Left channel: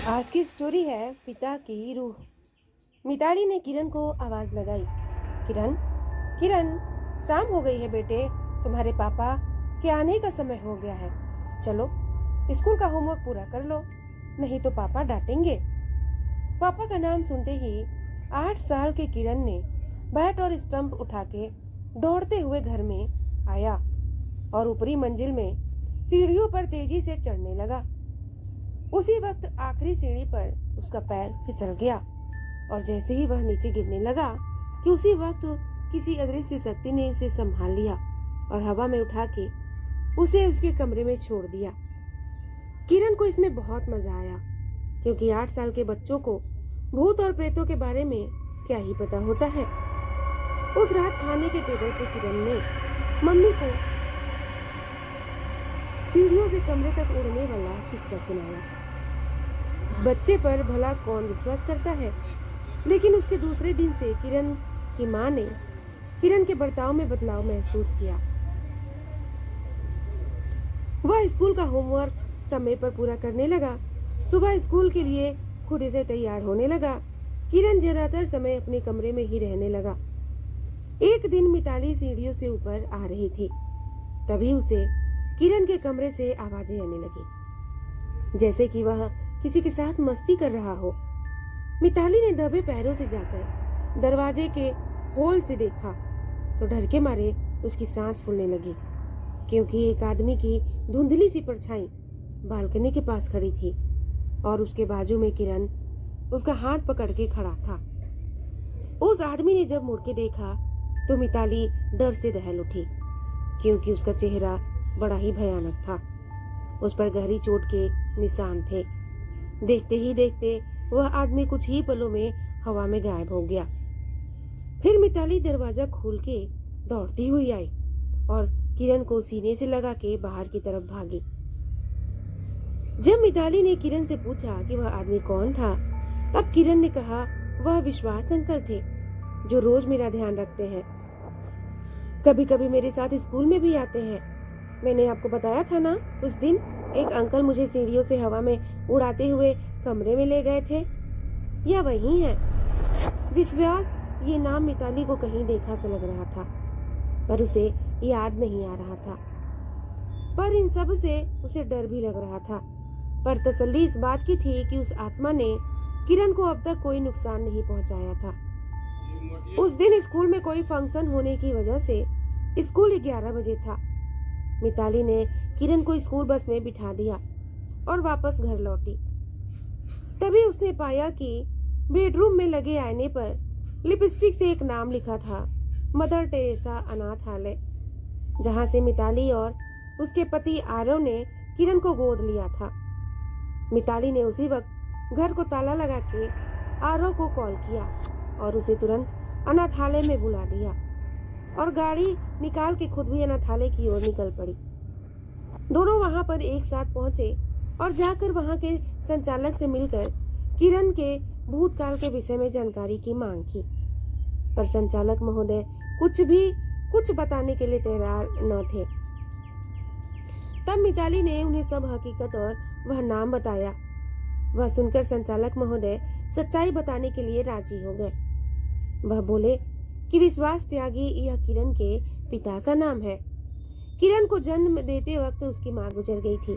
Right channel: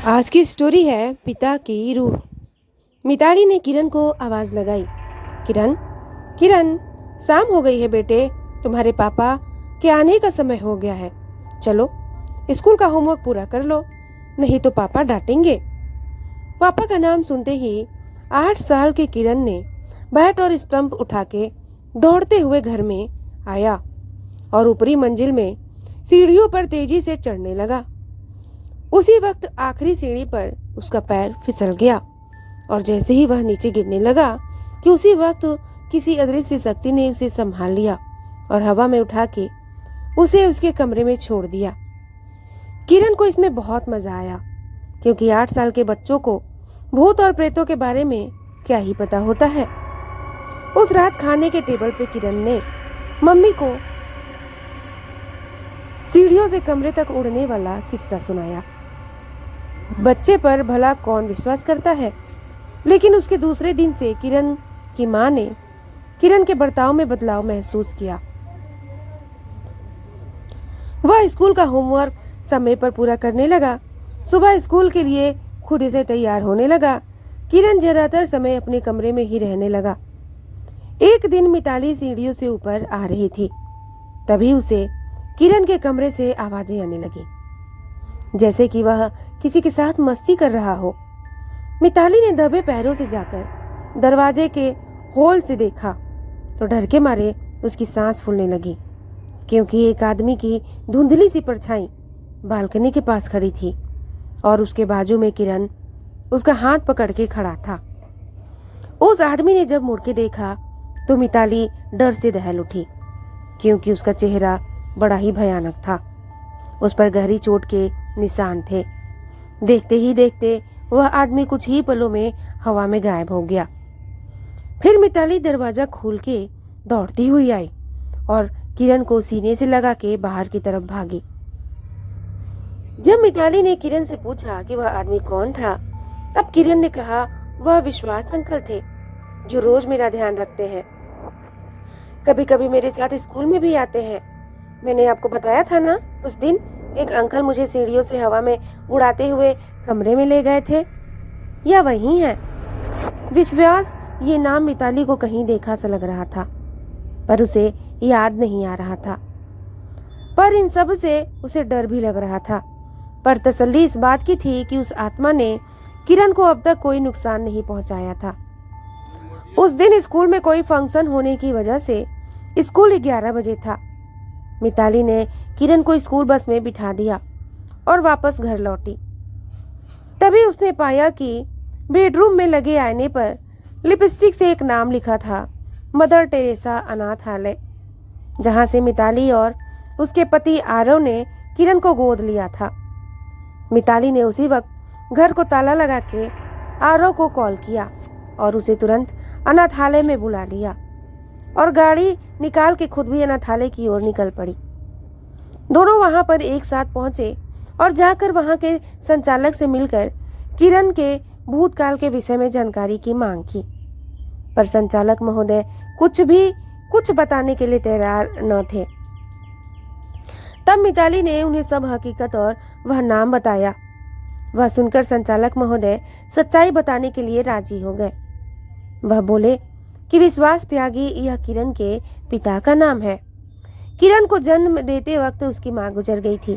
आज की स्टोरी है पिता की रूह। मिताली ने किरण को आवाज लगाई। किरण, किरण, शाम हो गई है बेटे। तुम्हारे पापा के आने का समय हो गया है। चलो स्कूल का होमवर्क पूरा कर लो, नहीं तो पापा डांटेंगे। पापा का नाम सुनते ही 8 साल के किरण ने बैट और स्टंप उठा के दौड़ते हुए घर में आया और ऊपरी मंजिल में सीढ़ियों पर तेजी से चढ़ने लगा। उसी वक्त आखिरी सीढ़ी पर उसका पैर फिसल गया और जैसे ही वह नीचे गिरने लगा कि उसी वक्त किसी अदृश्य शक्ति ने उसे संभाल लिया और हवा में उठा के उसे उसके कमरे में छोड़ दिया। किरण को इसमें बहुत मजा आया, क्योंकि 8 साल के बच्चों को भूत और प्रेतों के बारे में क्या ही पता होता है। उस रात खाने के टेबल पे किरण ने मम्मी को सीढ़ियों से कमरे तक उड़ने वाला किस्सा सुनाया। बच्चे पर भला कौन विश्वास करता है, लेकिन उसके दूसरे दिन से किरण की माँ ने किरण के बर्ताव में बदलाव महसूस किया। वह स्कूल का होमवर्क समय पर पूरा करने लगा। सुबह स्कूल के लिए खुद से तैयार होने लगा। किरण ज्यादातर समय अपने कमरे में ही रहने लगा। एक दिन मिताली सीढ़ियों से ऊपर आ रही थी, तभी उसे किरण के कमरे से आवाजें आने लगी, जैसे कि वह किसी के साथ मस्ती कर रहा हो। मिताली ने दबे पैरों से जाकर दरवाजे के होल से देखा तो डर के मारे उसकी सांस फूलने लगी, क्योंकि एक आदमी की धुंधली सी परछाई बालकनी के पास खड़ी थी और उसके बाजू में किरण उसका हाथ पकड़ के खड़ा था। उस आदमी ने जब मुड़ के देखा तो मिताली डर से दहल उठी, क्योंकि उसका चेहरा बड़ा ही भयानक था। उस पर गहरी चोट के निशान थे। देखते ही देखते वह आदमी कुछ ही पलों में हवा में गायब हो गया। फिर मिताली दरवाजा खोल के दौड़ती हुई आई और किरण को सीने से लगा के बाहर की तरफ भागी। जब मिताली ने किरण से पूछा कि वह आदमी कौन था, तब किरण ने कहा वह विश्वास अंकल थे, जो रोज मेरा ध्यान रखते हैं। कभी कभी मेरे साथ स्कूल में भी आते हैं। मैंने आपको बताया था ना, उस दिन एक अंकल मुझे सीढ़ियों से हवा में उड़ाते हुए कमरे में ले गए थे। यह वही है। विश्वास ये नाम मिताली को कहीं देखा सा लग रहा था, पर उसे याद नहीं आ रहा था। पर इन सब से उसे डर भी लग रहा था। पर तसल्ली इस बात की थी कि उस आत्मा ने किरण को अब तक कोई नुकसान नहीं पहुंचाया था। उस दिन स्कूल में कोई फंक्शन होने की वजह से स्कूल 11 बजे था। मिताली ने किरण को स्कूल बस में बिठा दिया और वापस घर लौटी। तभी उसने पाया कि बेडरूम में लगे आईने पर लिपस्टिक से एक नाम लिखा था, मदर टेरेसा अनाथालय, जहां से मिताली और उसके पति आरव ने किरण को गोद लिया था। मिताली ने उसी वक्त घर को ताला लगा के आरव को कॉल किया और उसे तुरंत अनाथालय में बुला लिया और गाड़ी निकाल के खुद भी अनाथालय की ओर निकल पड़ी। दोनों वहां पर एक साथ पहुंचे और जाकर वहां के संचालक से मिलकर किरण के भूतकाल के विषय में जानकारी की मांग की, पर संचालक महोदय कुछ बताने के लिए तैयार न थे। तब मिताली ने उन्हें सब हकीकत और वह नाम बताया। वह सुनकर संचालक महोदय सच्चाई बताने के लिए राजी हो गए। वह बोले कि विश्वास त्यागी यह किरण के पिता का नाम है। किरण को जन्म देते वक्त उसकी मां गुजर गई थी।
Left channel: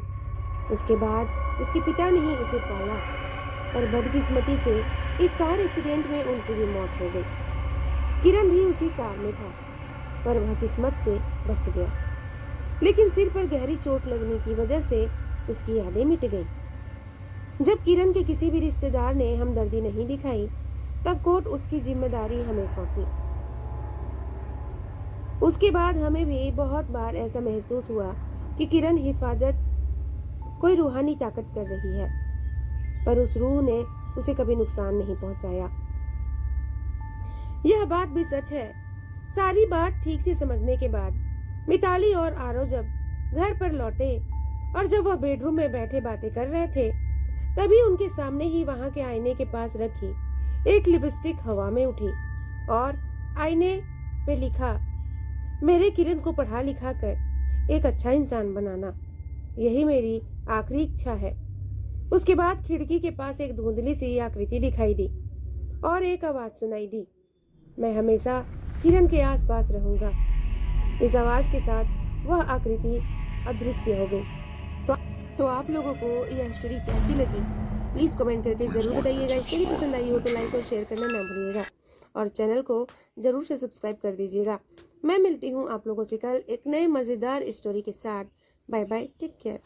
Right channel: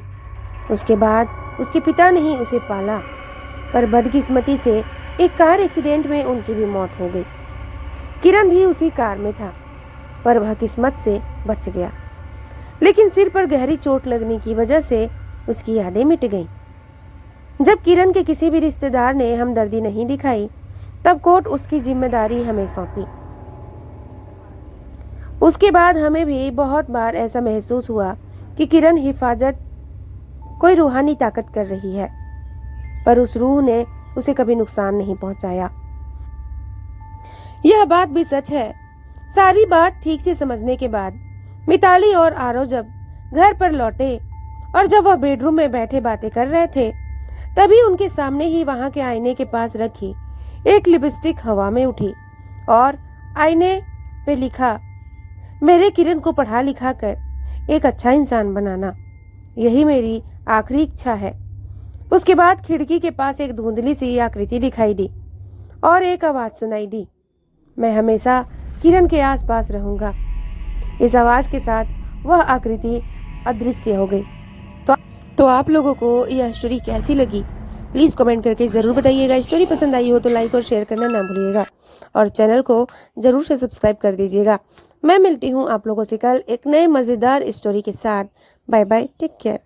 उसके बाद उसके पिता ने ही उसे पाला, पर बदकिस्मती से एक कार एक्सीडेंट में उनकी भी मौत हो गई। किरण भी उसी कार में था, पर वह किस्मत से बच गया, लेकिन सिर पर गहरी चोट लगने की वजह से उसकी यादें मिट गईं। जब किरण के किसी भी रिश्तेदार ने हमदर्दी नहीं दिखाई, तब कोर्ट उसकी जिम्मेदारी हमें सौंपी। उसके बाद हमें भी बहुत बार ऐसा महसूस हुआ कि किरण हिफाजत कोई रूहानी ताकत कर रही है, पर उस रूह ने उसे कभी नुकसान नहीं पहुंचाया। यह बात भी सच है। सारी बात ठीक से समझने के बाद मिताली और आरव जब घर पर लौटे और जब वह बेडरूम में बैठे बातें कर रहे थे, तभी उनके सामने ही वहां के आईने के पास रखी एक लिपस्टिक हवा में उठी और आईने पे लिखा, मेरे किरण को पढ़ा लिखा कर एक अच्छा इंसान बनाना, यही मेरी आखिरी इच्छा है। उसके बाद खिड़की के पास एक धुंधली सी आकृति दिखाई दी और एक आवाज सुनाई दी, मैं हमेशा किरण के आसपास रहूंगा। इस आवाज के साथ वह आकृति अदृश्य हो गई। तो आप लोगों को यह स्टोरी कैसी लगी प्लीज़ कमेंट करके ज़रूर बताइएगा। स्टोरी पसंद आई हो तो लाइक और शेयर करना ना भूलिएगा और चैनल को ज़रूर से सब्सक्राइब कर दीजिएगा। मैं मिलती हूँ आप लोगों से कल एक नए मज़ेदार स्टोरी के साथ। Bye bye, take care.